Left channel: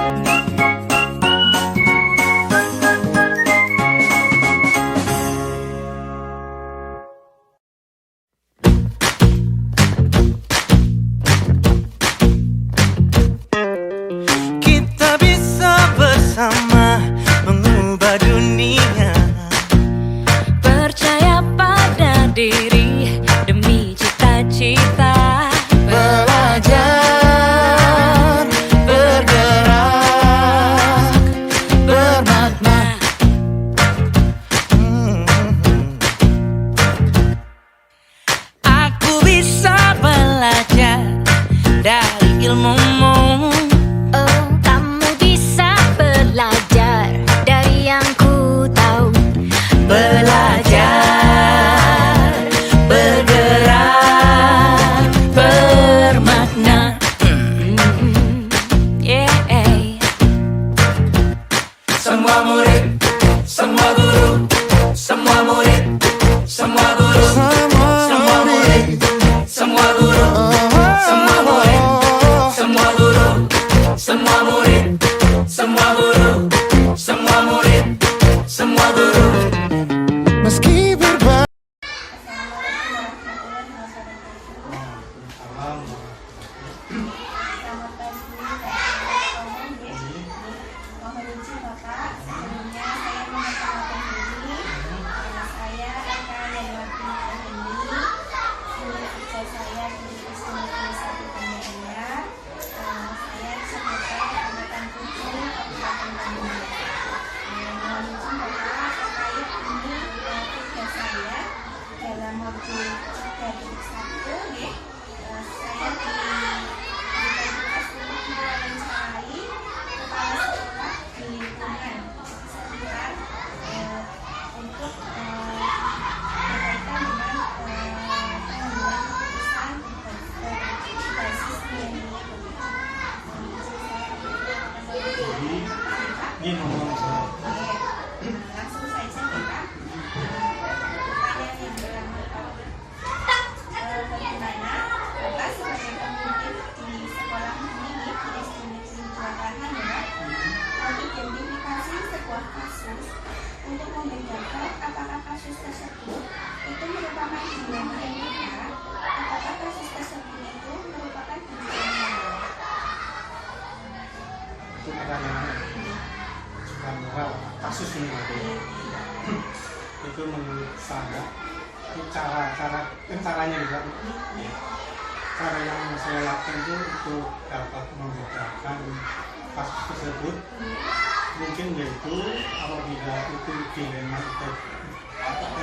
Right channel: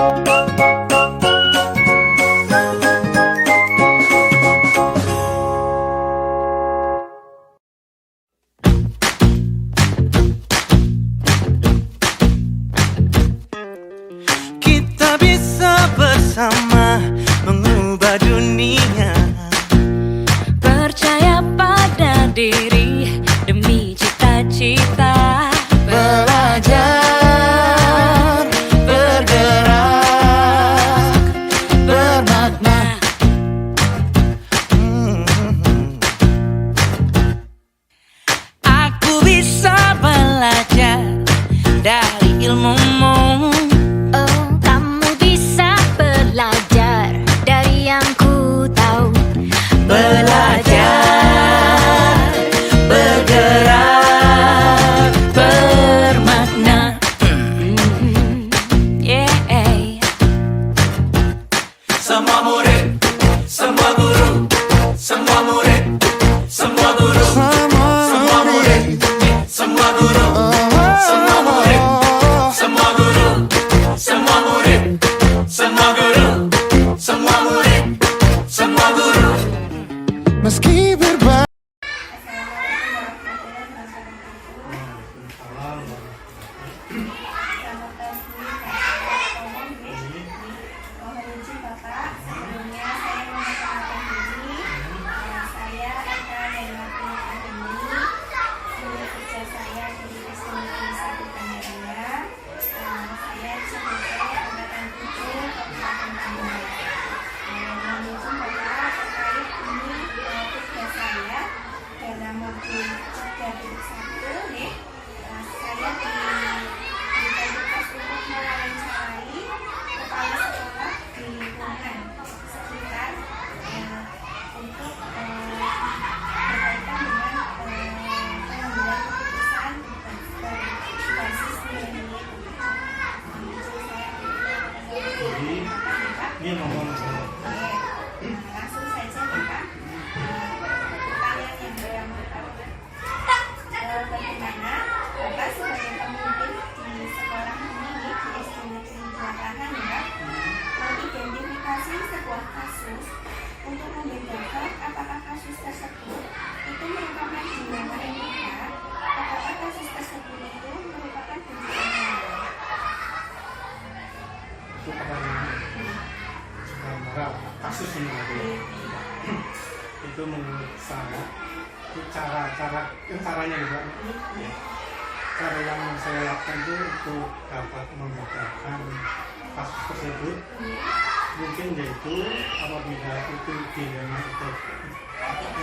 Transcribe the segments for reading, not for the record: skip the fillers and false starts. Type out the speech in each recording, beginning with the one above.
Kita bisa bersama mengubah dunia. Percaya pada diri demi cita-cita. Belajar, bergerak, bermakna. Aku bisa belajar dari ilmumu. Oh, kamu bisa belajar dari yang ku tahu. Belajar, bergerak, bermakna. Yeah. Semua murid, semua guru, semua murid, semua guru, semua murid, semua guru, semua murid, semua guru, semua murid, semua guru, semua murid, semua guru. Meski berbeda. Mohon izin Bapak, sebelumnya saya memperkenalkan diri. Saya akan mewakili ini unit kerja saya di Teknologi Satu Tanjaya. Saya sebagai angkatan 7 Kabupaten Bandung. Mohon izin Bapak, terkait ini tugas saya dalam modul 3.1 nih. Saya diberikan tugas untuk mewawancarai kepala sekolah di lingkungan sekitar untuk berkaitan dengan pengambilan keputusan berbasis nilai-nilai kebijakan. Ini ngomong Langsung saja kita pertanyaan yang pertama, bagaimana Bapak sebagai pemimpin di sekolah ini di SD Negeri 2 Hanura mengidentifikasi sebuah kasus untuk membedakan apakah kasus tersebut itu merupakan dilema etika, apakah kasus tersebut itu merupakan tujuan moral. itu pertanyaan moral kasus ini itu menurut saya itu caranya juga ya. Cara yang saya lakukan itu untuk dapat membedakan kasus tersebut mungkin yaitu apabila itu dilema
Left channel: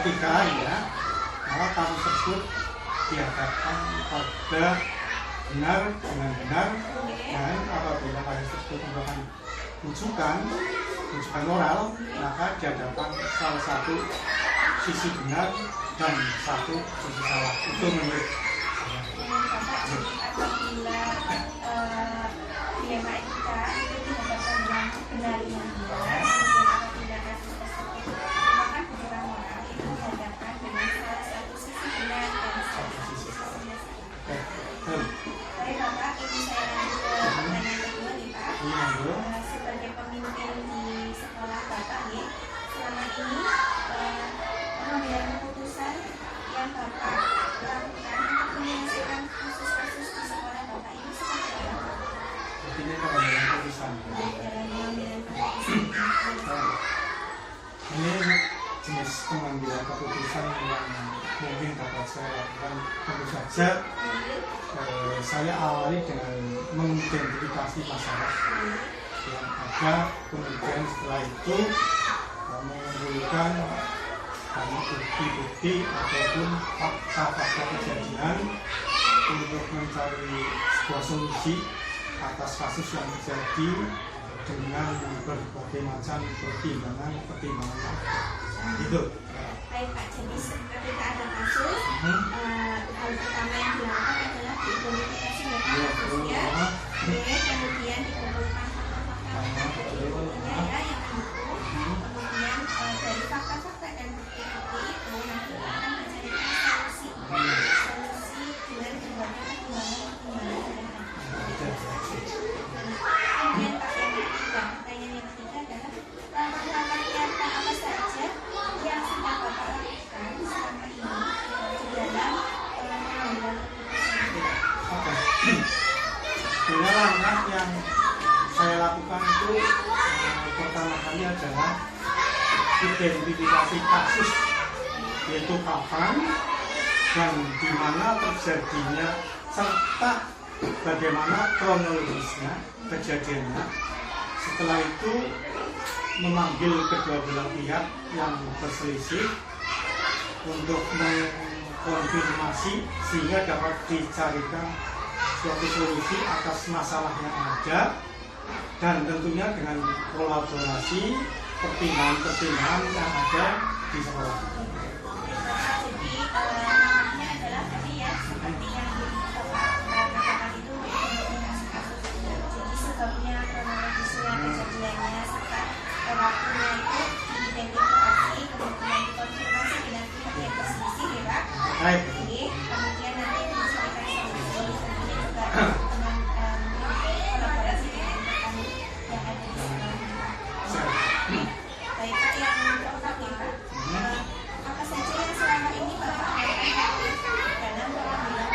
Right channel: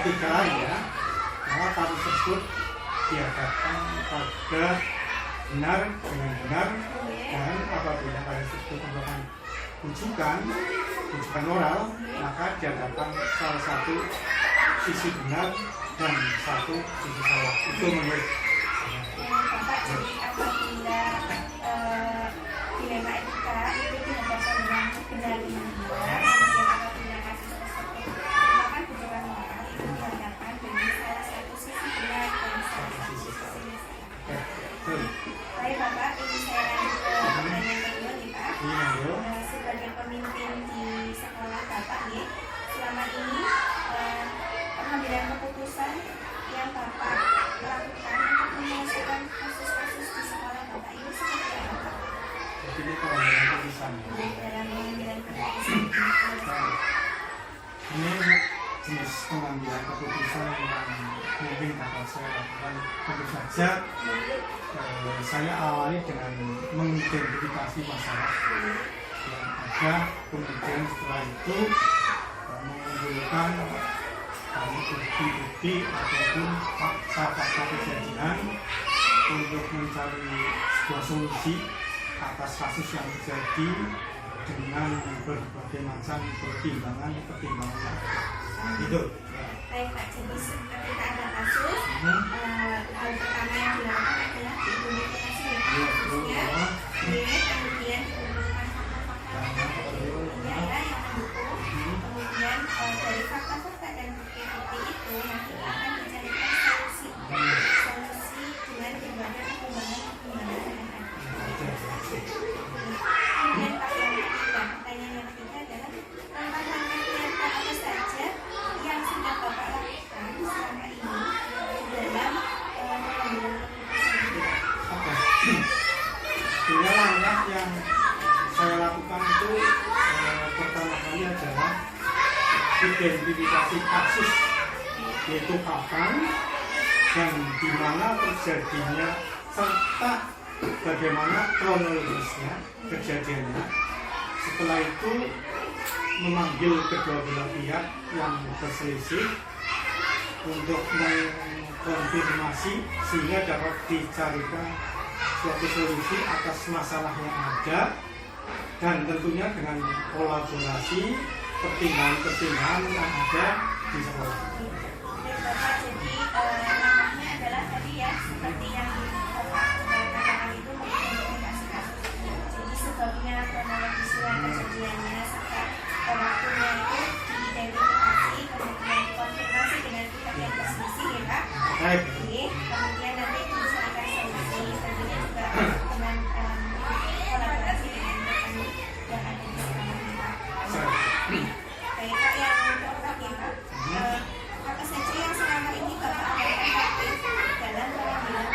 etika ya, maka kasus tersebut dihadapkan pada benar dengan benar, dan apabila kasus tersebut merupakan rujukan moral, maka dihadapkan salah satu sisi benar dan satu sisi salah. Itu menurut Bapak, jadi apabila dilema etika itu dihadapkan dengan benar dengan benar, kemudian apabila kasus tersebut merupakan tujuan moral itu dihadapkan dengan salah satu sisi benar dan salah satu sisi salah. Baik Bapak, ini saya lanjut ke pertanyaan kedua nih Pak. Sebagai pemimpin di sekolah Bapak nih, selama ini pengambilan keputusan yang Bapak lakukan untuk menyelesaikan kasus-kasus di sekolah Bapak ini seperti apa? jadi pengambilan keputusan Dalam pengambilan keputusan. ini jenis pengambilan keputusan yang mungkin dapat saya lakukan. Tentu saja saya awali dengan mengidentifikasi masalah yang ada, kemudian setelah itu mengumpulkan bukti-bukti ataupun fakta-fakta kejadian untuk mencari sebuah solusi atas kasus yang terjadi dengan berbagai macam pertimbangan itu. Baik Pak, jadi ketika ada kasus, hal pertama yang dilakukan adalah diidentifikasi ya Pak kasusnya, kemudian dikumpulkan fakta-fakta yang mendukung, kemudian dari fakta-fakta dan bukti-bukti itu nanti akan dicarikan solusi dengan berbagai pertimbangan yang ada. Kemudian Pak yang saya lakukan itu pertama kali adalah identifikasi kasus, yaitu kapan dan di mana terjadinya serta bagaimana kronologisnya kejadiannya. Setelah itu memanggil kedua belah pihak yang berselisih untuk mengkonfirmasi sehingga dapat dicarikan suatu solusi atas masalah yang ada, dan tentunya dengan kolaborasi pertimbangan-pertimbangan yang ada di sekolah. Jadi namanya adalah tadi ya, seperti yang Bapak katakan itu mengidentifikasi kasus. Jadi sebabnya, kronologisnya, kejadiannya, serta waktunya itu diidentifikasi, kemudian dikonfirmasi dengan pihak yang berselisih ya Pak. Baik. Oke, kemudian nanti itu dicarikan solusi, tentunya juga dengan kolaborasi dengan rekan yang ada di sekolah. Baik Pak, yang keempat ya Pak, apa saja yang selama ini Bapak lakukan dalam pengambilan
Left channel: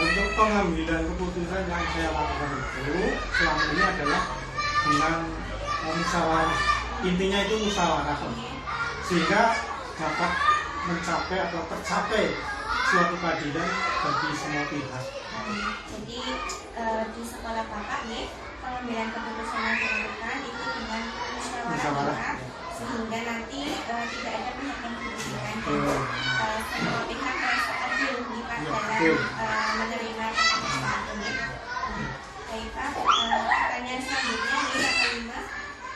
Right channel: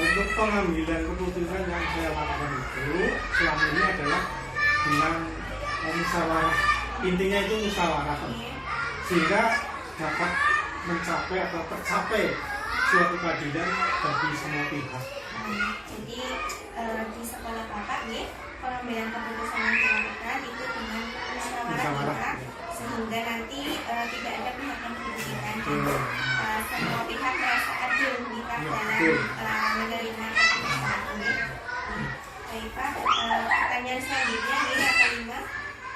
Untuk pengambilan keputusan yang saya lakukan itu selama ini adalah dengan musyawarah. Intinya itu musyawarah, sehingga dapat mencapai atau tercapai suatu keadilan bagi semua pihak. Jadi di sekolah Bapak nih, pengambilan keputusan yang dilakukan itu dengan musyawarah ya, sehingga nanti tidak ada pihak yang dirugikan. Semua pihak merasa adil di Pak dalam menerima keputusan ini. Baik Pak, pertanyaan selanjutnya nih yang kelima,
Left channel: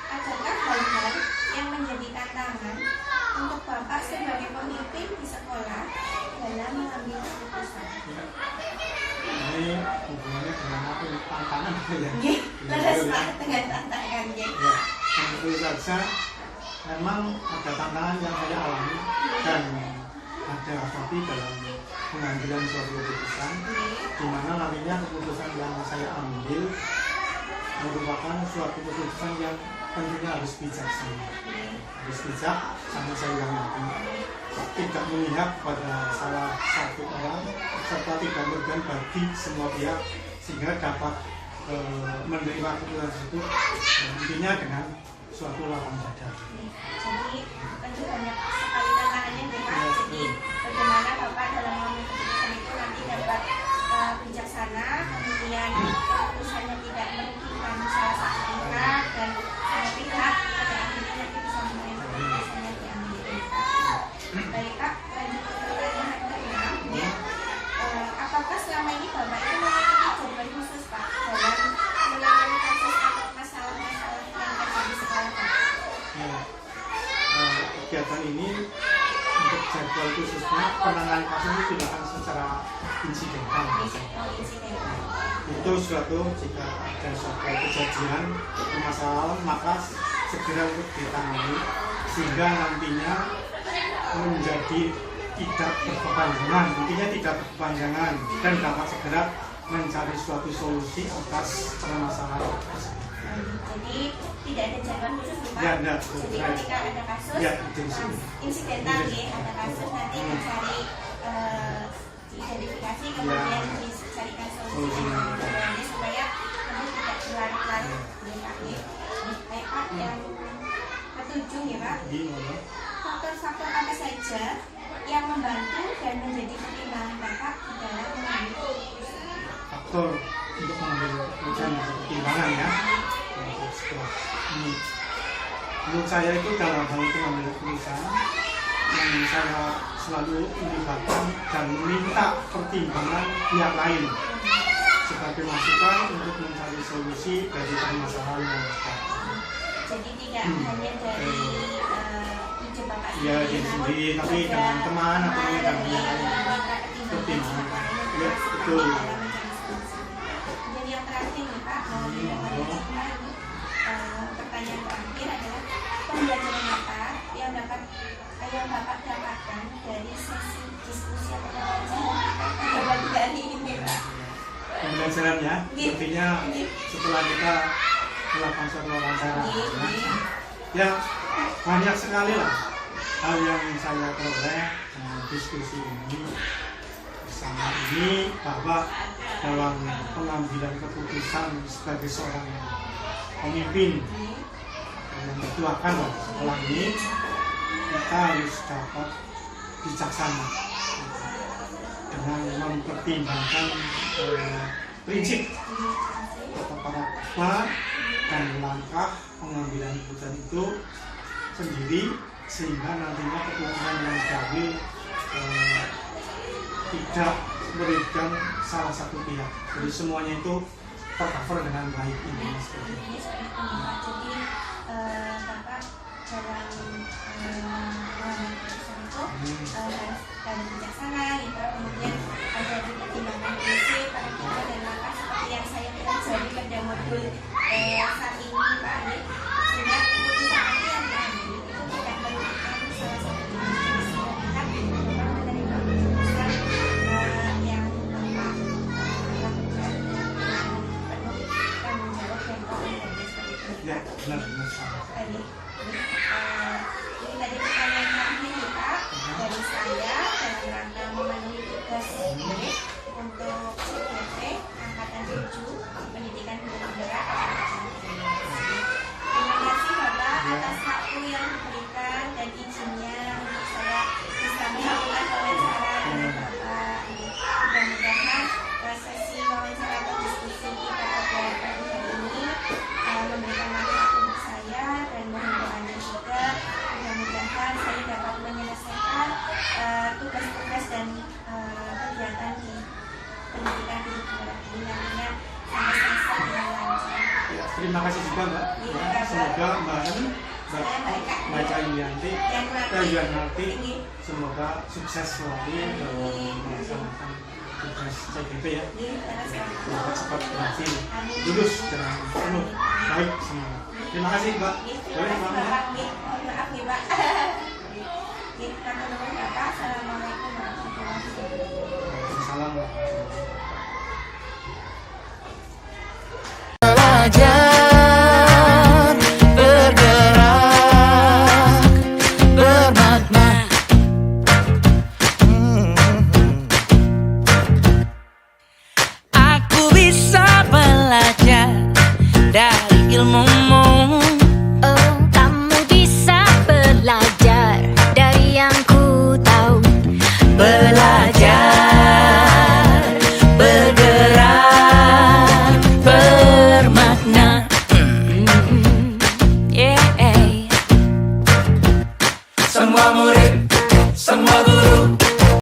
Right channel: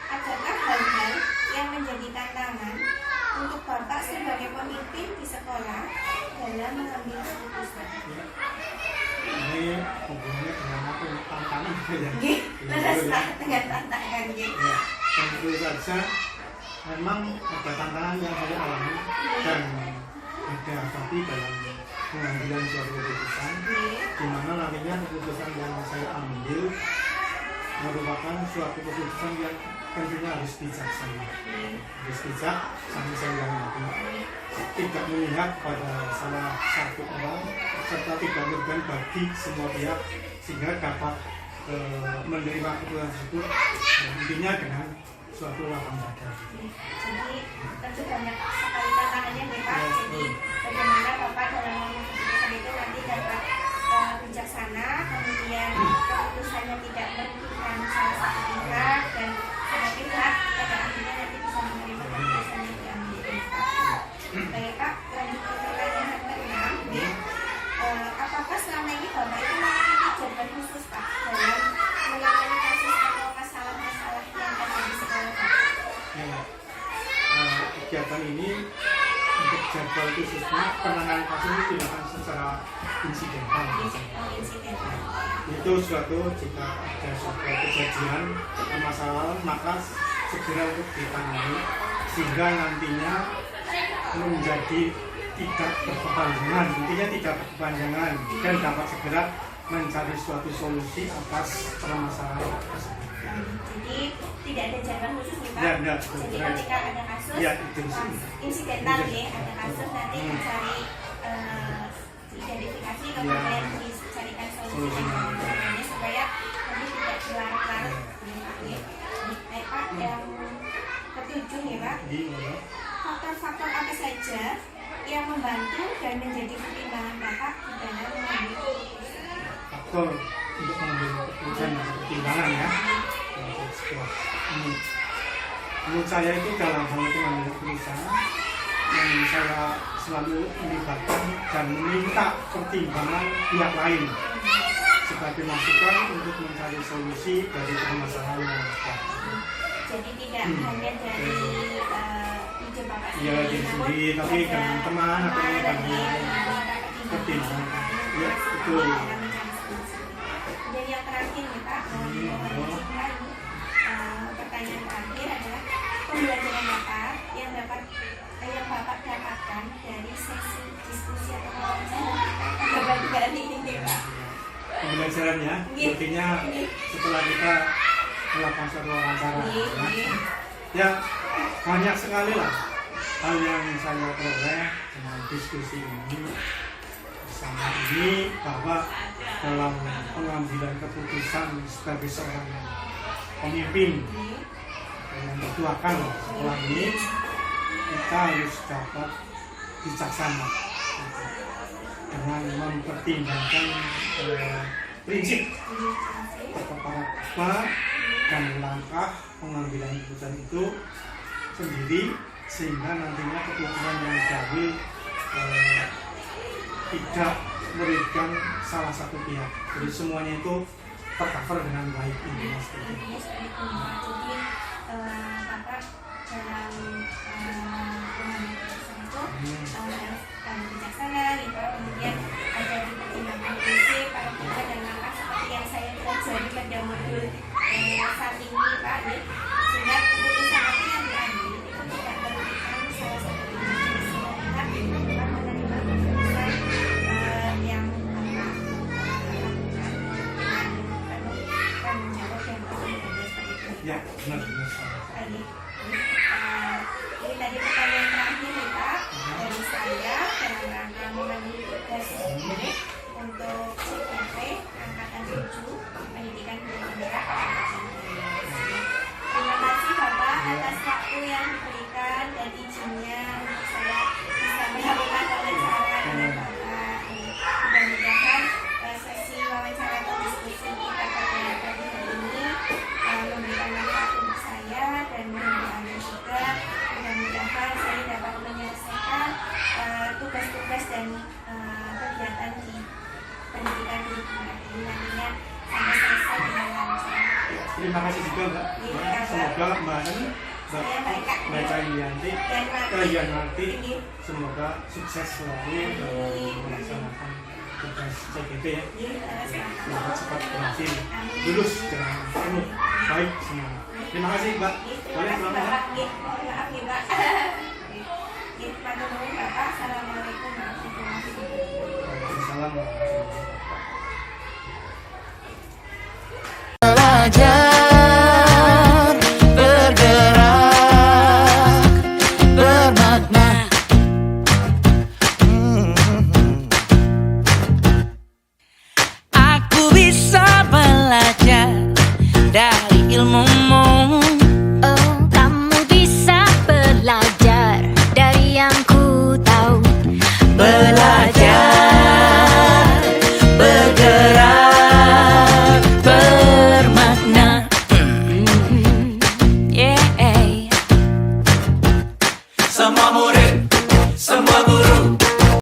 adakah hal-hal yang menjadi tantangan untuk Bapak sebagai pemimpin di sekolah dalam mengambil keputusan? Ini hubungannya dengan apa? Tantangan ya? Leres Pak dengan tantangannya. Ya, tentu saja memang ada tantangan yang saya alami dan ada hadapi dalam pengambilan suatu keputusan, di mana nantinya keputusan yang saya ambil merupakan suatu keputusan yang tentunya harus bijaksana, harus bijak sama saya yang nanti tidak memihak pada salah satu orang serta tidak merugikan bagi semua pihak, sehingga dapat menerima keputusan tersebut intinya dengan suatu lapang dada. Jadi tentu banyak sekali tantangannya nih Pak. Jadi bagaimana Bapak dalam mengambil keputusan itu nanti dapat bijaksana, kemudian keputusannya tidak merugikan salah satu pihak dan semua pihak pada akhirnya nanti bisa menerima keputusan yang diambil. Baik Pak, lanjut ke pertanyaan yang keenam. Apakah selama ini Bapak itu memiliki jawaban khusus Pak dalam menangani kasus atau masalah-masalah yang ada di sekolah Pak? Ya, kegiatan ini untuk jadwal khususnya penanganan kasus ini dilakukan secara insidental. Itu suatu jika ada suatu kejadian permasalahan maka segera untuk ditangani sehingga nantinya menjadi tidak berkepanjangan, intinya tidak berkepanjangan dan dapat segera mencari suatu solusi atas permasalahan tersebut. Jadi tidak ada jadwal khusus nih Pak. Ya, jadi ketika ada kasus, ya, insidental ya, ada kasus nanti mencari identifikasi kemudian dicarikan solusi yang supaya nanti tidak berlarut-larut ya Pak ya. Baik Pak, yang ketujuh ya Pak. Faktor-faktor apa saja yang membantu dan menjadi pertimbangan Bapak di dalam mengambil keputusan? Faktor untuk mengambil keputusan yang pertimbangan ya. Setelah ini, menurut saya itu dalam hal itu mengambil keputusan yang saya selalu melibatkan dan meminta pertimbangan pihak lain sebagai masukan untuk mencari solusi dari permasalahan yang ada. Jadi tidak hanya dari ide Bapak Ya, diri sendiri, tapi dengan teman atau dengan yang lain. pertimbangan. Ya, betul. Dan yang terakhir nih Pak, pertanyaan terakhir adalah pembelajaran Bapak yang Bapak dapatkan dari sesi diskusi atau wawancara pada pagi kali ini Pak. Pembelajarannya, intinya setelah kita melakukan suatu wawancara, ya banyak sekali lah hal yang saya peroleh dengan diskusi ini bersama ini, bahwa dalam pengambilan keputusan sebagai seorang pemimpin yang bertuakan. Setelah ini kita harus dapat bijaksana dengan mempertimbangkan prinsip atau paradigma dan langkah pengambilan keputusan itu sendiri, sehingga nantinya keputusan yang diambil tidak merugikan salah satu pihak. Jadi semuanya itu tercover dengan baik, intinya seperti itu. Intinya seperti itu, Pak. Jadi Bapak dalam mengambil keputusan itu harus bijaksana, gitu. Kemudian ada di pertimbangan prinsip, paradigma dan langkah seperti yang saya pelajari pada modul saat ini, Pak. Sehingga keputusan nanti yang diambil itu tidak merugikan salah satu pihak, sehingga pihak Bapak menerima keputusan yang Bapak lakukan dengan penuh tanggung jawab dan komitmen seperti itu. Ya, benar-benar sama. Tadi, ini tadi pertanyaan terakhir nih Pak dari saya dalam rangka memenuhi tugas untuk CPP Angkatan 7 Pendidikan Guru Penggerak Kabupaten Gianyar. Terima kasih Bapak atas waktu yang diberikan dan izinnya untuk saya bisa melakukan wawancara dengan Bapak. Mudah-mudahan sesi wawancara atau diskusi kita pada pagi hari ini memberikan manfaat untuk saya dan mohon doanya juga. Mudah-mudahan saya dapat menyelesaikan tugas-tugas dan kegiatan di pendidikan guru penggerak ini nantinya sampai selesai dengan lancar. Ya, terima kasih juga Mbak. Ya, semoga Mbak Eka Yulianti semoga sukses selalu dalam melaksanakan tugas CPP ya. Semoga cepat berhasil lulus dengan penuh baik semua. Terima kasih Mbak. Terima kasih Bapak. Maaf nih Pak. Matur nuwun Bapak. Assalamualaikum warahmatullahi wabarakatuh. Assalamualaikum. Belajar, bergerak, bermakna. Aku bisa belajar dari ilmumu. Oh, kamu bisa belajar dari yang ku tahu. Belajar, bergerak, bermakna. Yeah. Semua murid, semua guru